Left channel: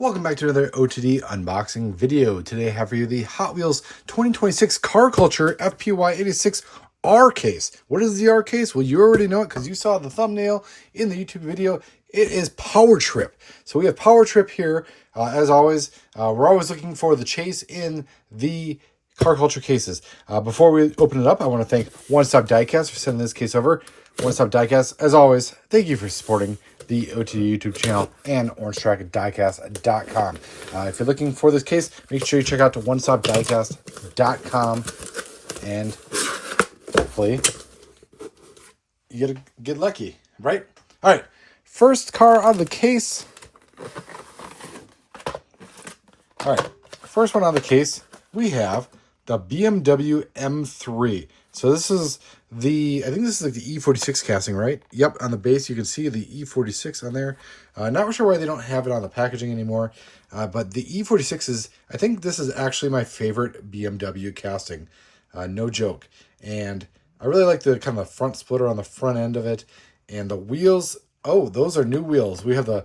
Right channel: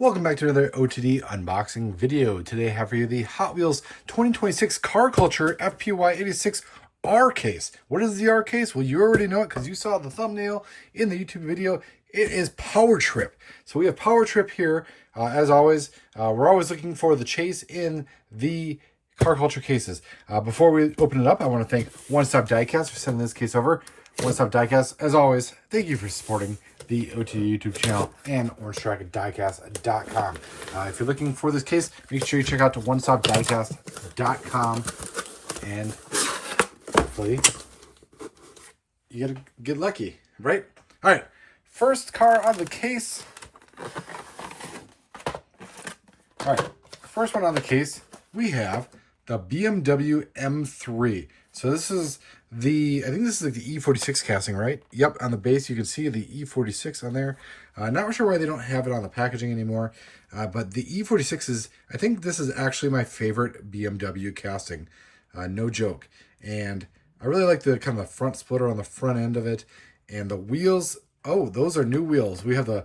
Welcome back to another OTD unboxing video. Today I have for you the Hot Wheels 2026 Car Culture FPY86 R case. What is the R case? Well, you already know it because you saw the thumbnail in the YouTube video. It is Power Trip. So we have Power Trip here. As always, we're always looking for the chase in the Car Culture cases. Before we open it up, I want to thank One Stop Diecast for sending this case over. One Stop Diecast, as always, thank you for supporting the OTD YouTube channel and OrangeTrackDiecast.com. If you're looking for this case, make sure you check out the OneStopDiecast.com and hopefully you get lucky, right? All right, first car on the case. All right, first one on the case, we have the BMW M3. So this is I think this is like the E46 casting, right? Yep, on the base you can see the E46 on there. Not sure why they don't have it on the packaging anymore, but the E46 is, I think this is actually my favorite BMW casting, no joke. And I really like the kind of the front splitter on the front end of it, and the wheels. Oh, those are new wheels. We have I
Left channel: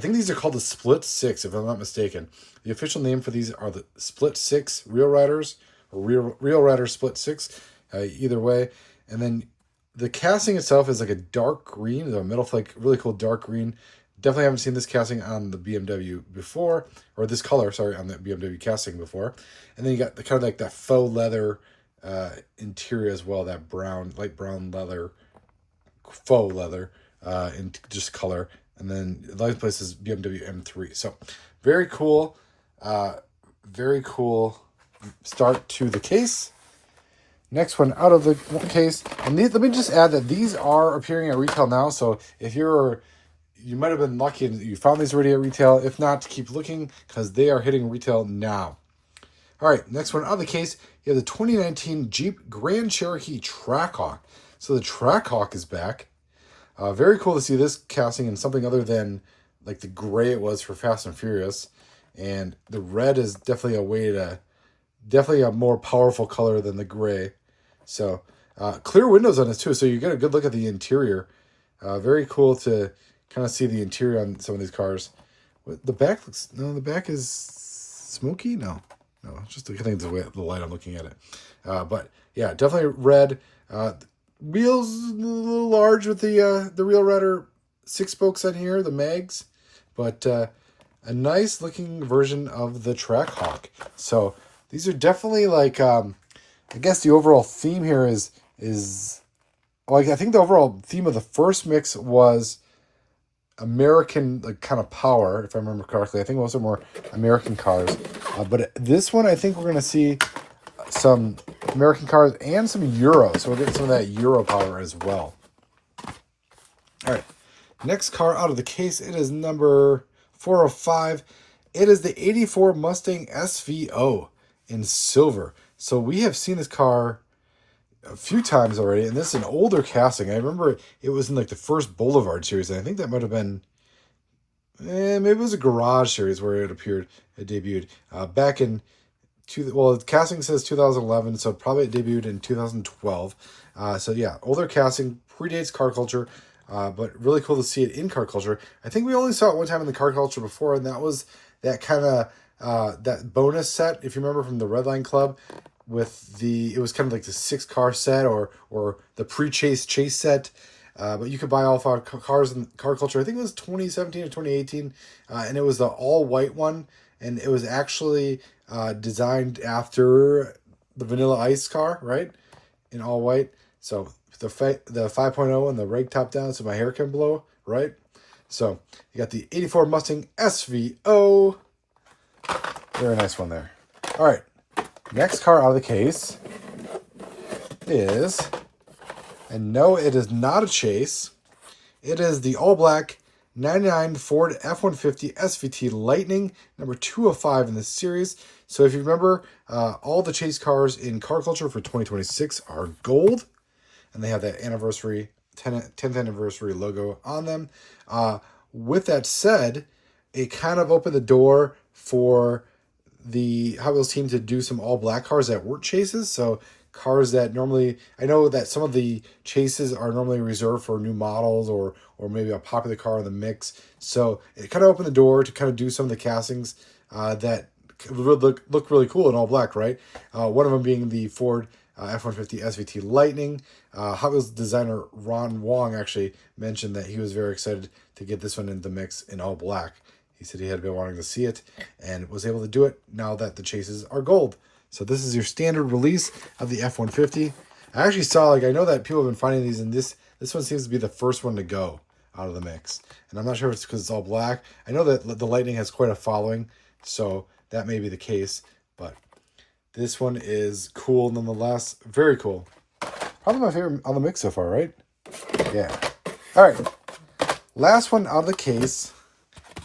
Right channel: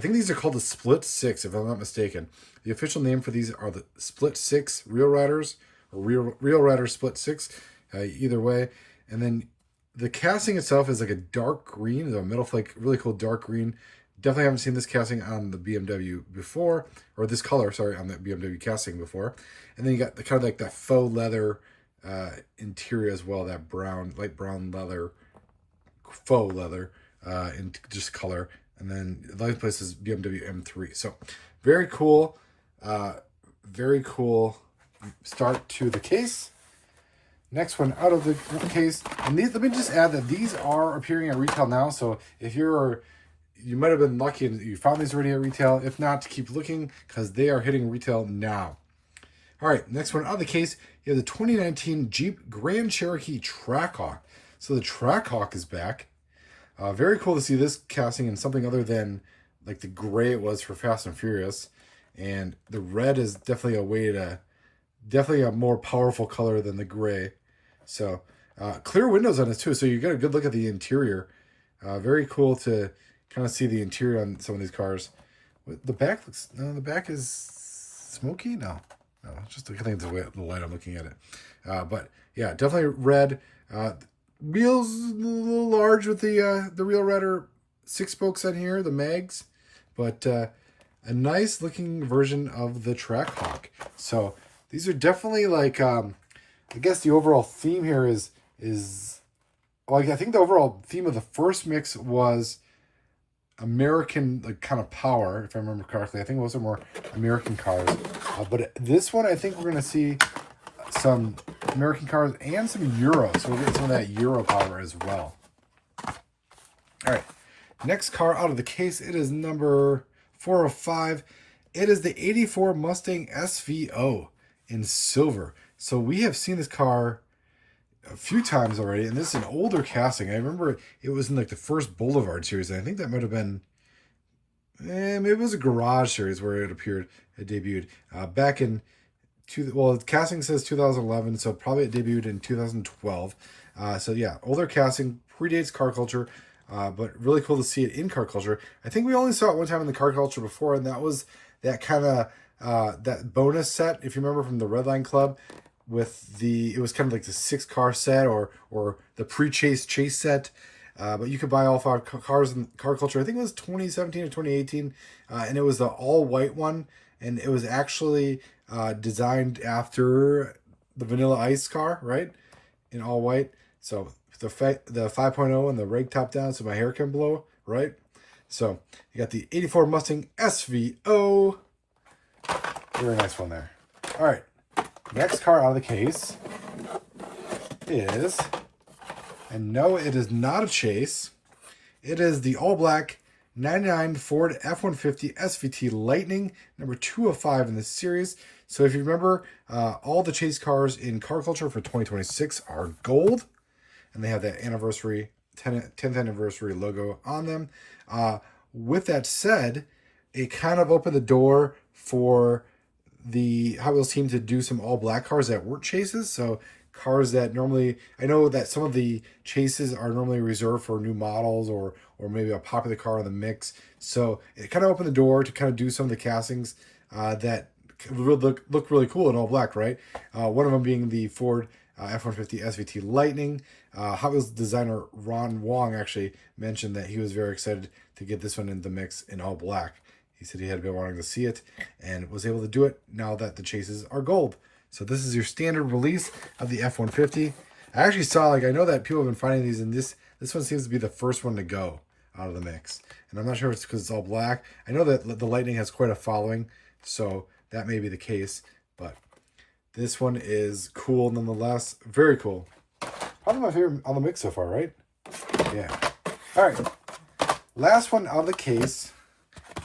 think these are called the Split 6, if I'm not mistaken. The official name for these are the Split 6 Real Riders, or Real Rider Split 6, either way. And then the casting itself is like a dark green, the metal flake, really cool dark green. Definitely haven't seen this casting on the BMW before, or this color, sorry, on the BMW casting before. And then you got the kind of like that faux leather interior as well, that brown, light brown leather, faux leather, in just color. And then the last place is BMW M3. So very cool start to the case. Next one out of the case, and let me just add that these are appearing at retail now. So if you might have been lucky and you found these already at retail. If not, keep looking because they are hitting retail now. All right, next one out of the case, you have the 2019 Jeep Grand Cherokee Trackhawk. So the Trackhawk is back. Very cool to see this casting in something other than like the gray it was for Fast and Furious, and the red is definitely a more powerful color than the gray. So clear windows on this too, so you get a good look at the interior. Very cool to kind of see the interior on some of these cars. The back looks, no, the back is smoky. No, it's just, I think it's the light I'm looking at it. But yeah, definitely red. Wheels a little large with the Real Rider 6 spokes on here, the mags, but a nice looking version of the Trackhawk. So these are definitely like, I guess the overall theme here is like, I think the overall theme of the first mix was American, like kind of power, if I remember correctly. I think those are more American cars. But this one, I think we're going to see some American cars and some Euro. So we'll get some of that Euro power as well. All right. Next car out of the case, it is number 405. It is the 84 Mustang SVO in silver. So we have seen this car a few times already, and this is an older casting. I remember it was in like the first Boulevard series, and I think that might have been, maybe it was a Garage series where it debuted back in, the casting says 2011, so probably it debuted in 2012. So yeah, older casting, predates Car Culture, but really cool to see it in Car Culture. I think we only saw it one time in the Car Culture before, and that was that kind of that bonus set, if you remember from the Redline Club, with it was kind of like the 6-car set or the pre-chase set. But you could buy all 5 cars in Car Culture. I think it was 2017 or 2018, and it was the all-white one, and it was actually designed after the Vanilla Ice car, right? In all white. So the 5.0 and the rag top down so my hair can blow, right? So you got the 84 Mustang SVO. Very nice one there. All right. Next car out of the case is, and no, it is not a chase. It is the all-black 99 Ford F-150 SVT Lightning, number 205 in this series. So if you remember, all the chase cars in Car Culture for 2026 are gold, and they have that 10th anniversary logo on them. With that said, it kind of opened the door for the Hot Wheels team to do some all-black cars that weren't chases. So cars that normally, I know that some of the chases are normally reserved for new models or maybe a popular car in the mix. So it kind of opened the door to kind of do some of the castings that would look really cool in all black, right? One of them being the Ford F-150 SVT Lightning. Hot Wheels designer Wong actually mentioned that he was very excited to get this one in the mix in all black. He said he had been wanting to see it and was able to do it now that the chases are gold. So this is your standard release of the F-150. I actually saw, I know that people have been finding these, and this one seems to be the first one to go out of the mix. And I'm not sure if it's because it's all black. I know that the Lightning has quite a following, so that may be the case. But this one is cool nonetheless. Very cool. Probably my favorite on the mix so far, right? Yeah. All right. Last one out of the case.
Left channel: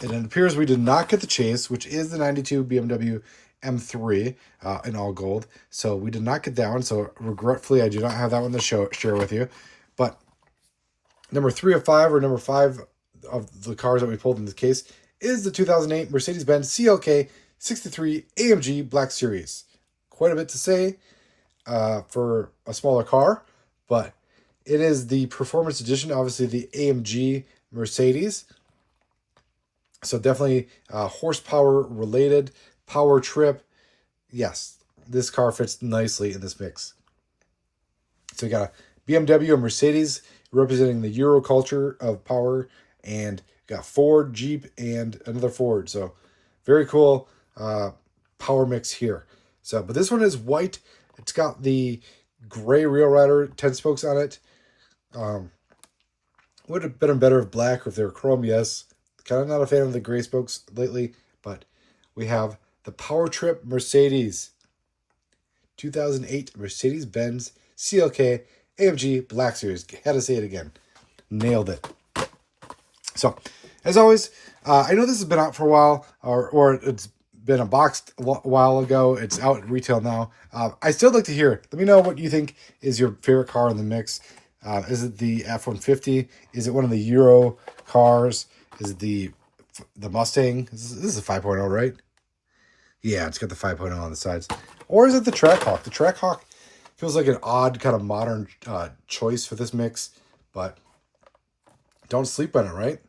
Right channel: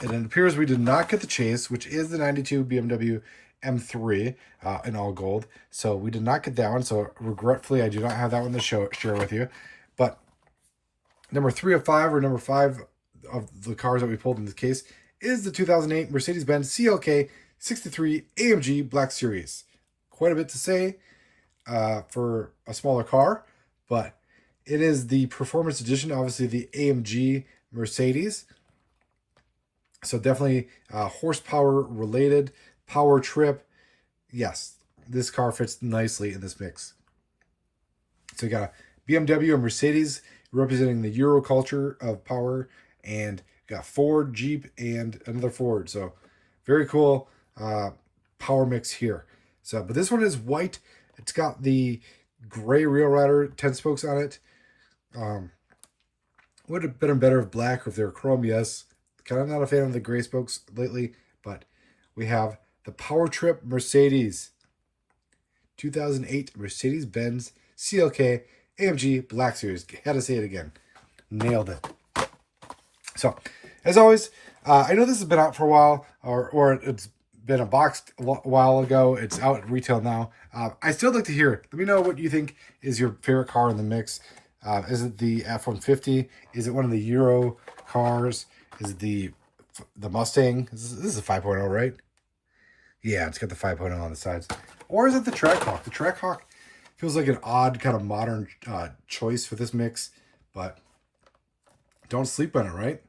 And it appears we did not get the chase, which is the 92 BMW M3 in all gold. So we did not get that one. So regretfully, I do not have that one to share with you. But number 3 of 5, or number 5 of the cars that we pulled in this case, is the 2008 Mercedes-Benz CLK 63 AMG Black Series. Quite a bit to say for a smaller car, but it is the performance edition, obviously the AMG Mercedes. So definitely horsepower related, power trip. Yes, this car fits nicely in this mix. So you got a BMW and Mercedes representing the Euro culture of power, and you got Ford, Jeep, and another Ford. So very cool power mix here. So, but this one is white. It's got the gray Real Rider 10 spokes on it. Would have been better if black, or if they were chrome, yes. Kind of not a fan of the gray spokes lately, but we have the Power Trip Mercedes 2008 Mercedes-Benz CLK AMG Black Series. Had to say it again. Nailed it. So, as always, I know this has been out for a while, or it's been unboxed a while ago. It's out at retail now. I still like to hear. Let me know what you think is your favorite car in the mix. Is it the F-150? Is it one of the Euro cars? Is it the Mustang? This is a 5.0, right? Yeah, it's got the 5.0 on the sides. Or is it the Trackhawk? The Trackhawk feels like an odd kind of modern choice for this mix, but don't sleep on it, right?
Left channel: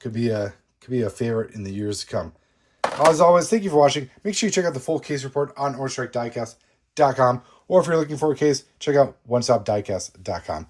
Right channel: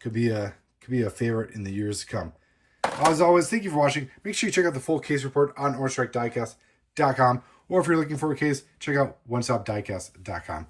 Could be a favorite in the years to come. As always, thank you for watching. Make sure you check out the full case report on OrangeStrikeDiecast.com, or if you're looking for a case, check out OneStopDiecast.com.